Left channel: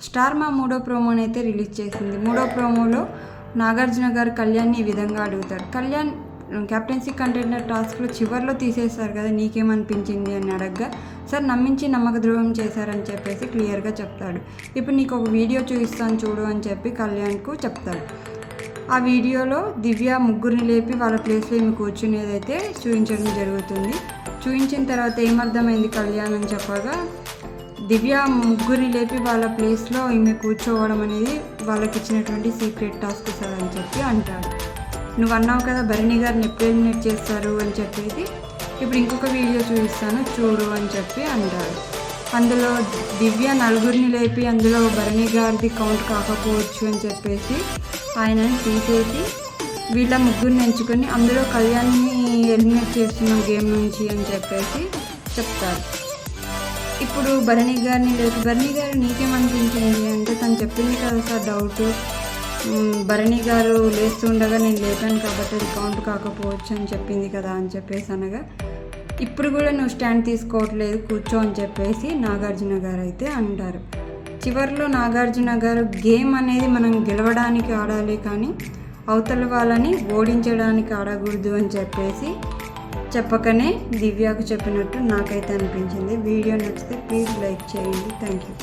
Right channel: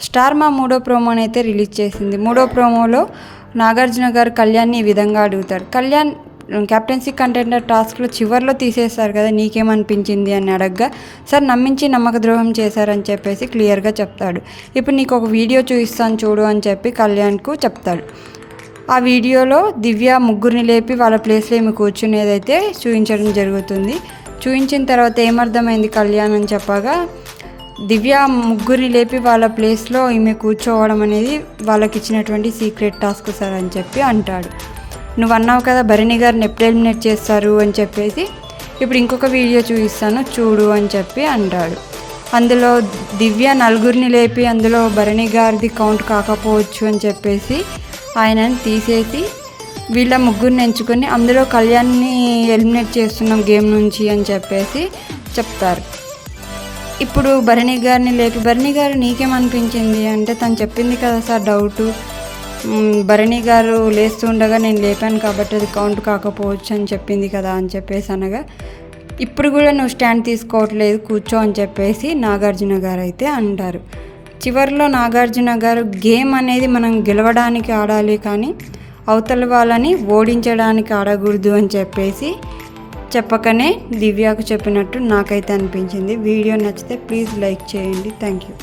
Star మా మూడో ప్రోమోని అయితే రిలీజ్ చేసింది. మూడో ప్రోమోలో నాగార్జున గారు కళ్యాణ్ని ఈ విధంగా అడుగుతాడు కళ్యాణ్ కెప్టెన్సీ కంటెండర్ టాస్క్లో చివరిలో తీసేస్తారు కదా నీకేమనిపించింది? అని అడగగా సార్ నమ్మించి నమ్మక ద్రోహం చేశారని చెప్పేసి క్లియర్గా చెప్తాడు. ఇప్పుడు నీకు ఒక వీడియో చూపిస్తాను చూడు అని చెప్పి కళ్యాణ్కు చెప్తాడు. ఆ వీడియోలో దివ్య ముగ్గురిని లేపి వాళ్ళ ప్లేస్లో ఏమి కూర్చునేదైతే చూపించడం జరుగుతుంది. చూపించిన తర్వాత ఏమర్థమైంది కళ్యాణ్ అని చెప్పగా దివ్య ముగ్గురిని లేపి వాళ్ళ ప్లేస్లో ఈమె కూర్చోవడం అనేది వాళ్ళకి ఇచ్చినటువంటి సీక్రెట్ టాస్క్ సార్ అని చెప్పి అంటాడు. నువ్వు అన్నావు కదా భరణి గారిని ఎప్పుడు ఎలిమినేట్ చేస్తారు అని చెప్పేసి ఇప్పుడు ఇంకొక వీడియో చూపిస్తాను చూడు అని చెప్పి అంటాడు. అందులో దివ్య నలుగురిని లేపి అందులో భరణి గారిది కౌంట్ కాకపోవచ్చు అని చెప్పేసి ఆయనని తీసేసి వీళ్ళ ముగ్గురిని ఎంచుకొని అందులో కళ్యాణ్ని ఎలిమినేట్ చేస్తున్నాం గేమ్ నుంచి అని చెప్పేసి చెప్తారు. ఇప్పుడు భరణి గారిని లేపి భరణి గారు నీకేమనిపించింది? అంటే తను చెప్పింది కదా సార్ డౌట్ భరణి గారు లేస్తుండగా నేను లేపాను కాబట్టి అది కౌంట్ కాకపోవచ్చు అని చెప్పింది కదా అని చెప్పేసి అనగా ఇప్పుడు కూడా నువ్వు స్టాండ్ తీసుకోవట్లేదు కూర్చో అని చెప్పేసి నాగార్జున గారు అయితే అంటారు. చివరిలో నాగార్జున గారు గేమ్ అనేది మనం గెలవడానికి ఆడాలి కానీ అవతల వాళ్ళని ఓడించడానికి ఆడకూడదు అని చెప్పేసి చెప్పకనే దివ్యాకు చెప్పినట్టు నాకైతే అనిపించింది. వీడియో నచ్చితే ప్లీజ్ లైక్ చేయండి. Thank you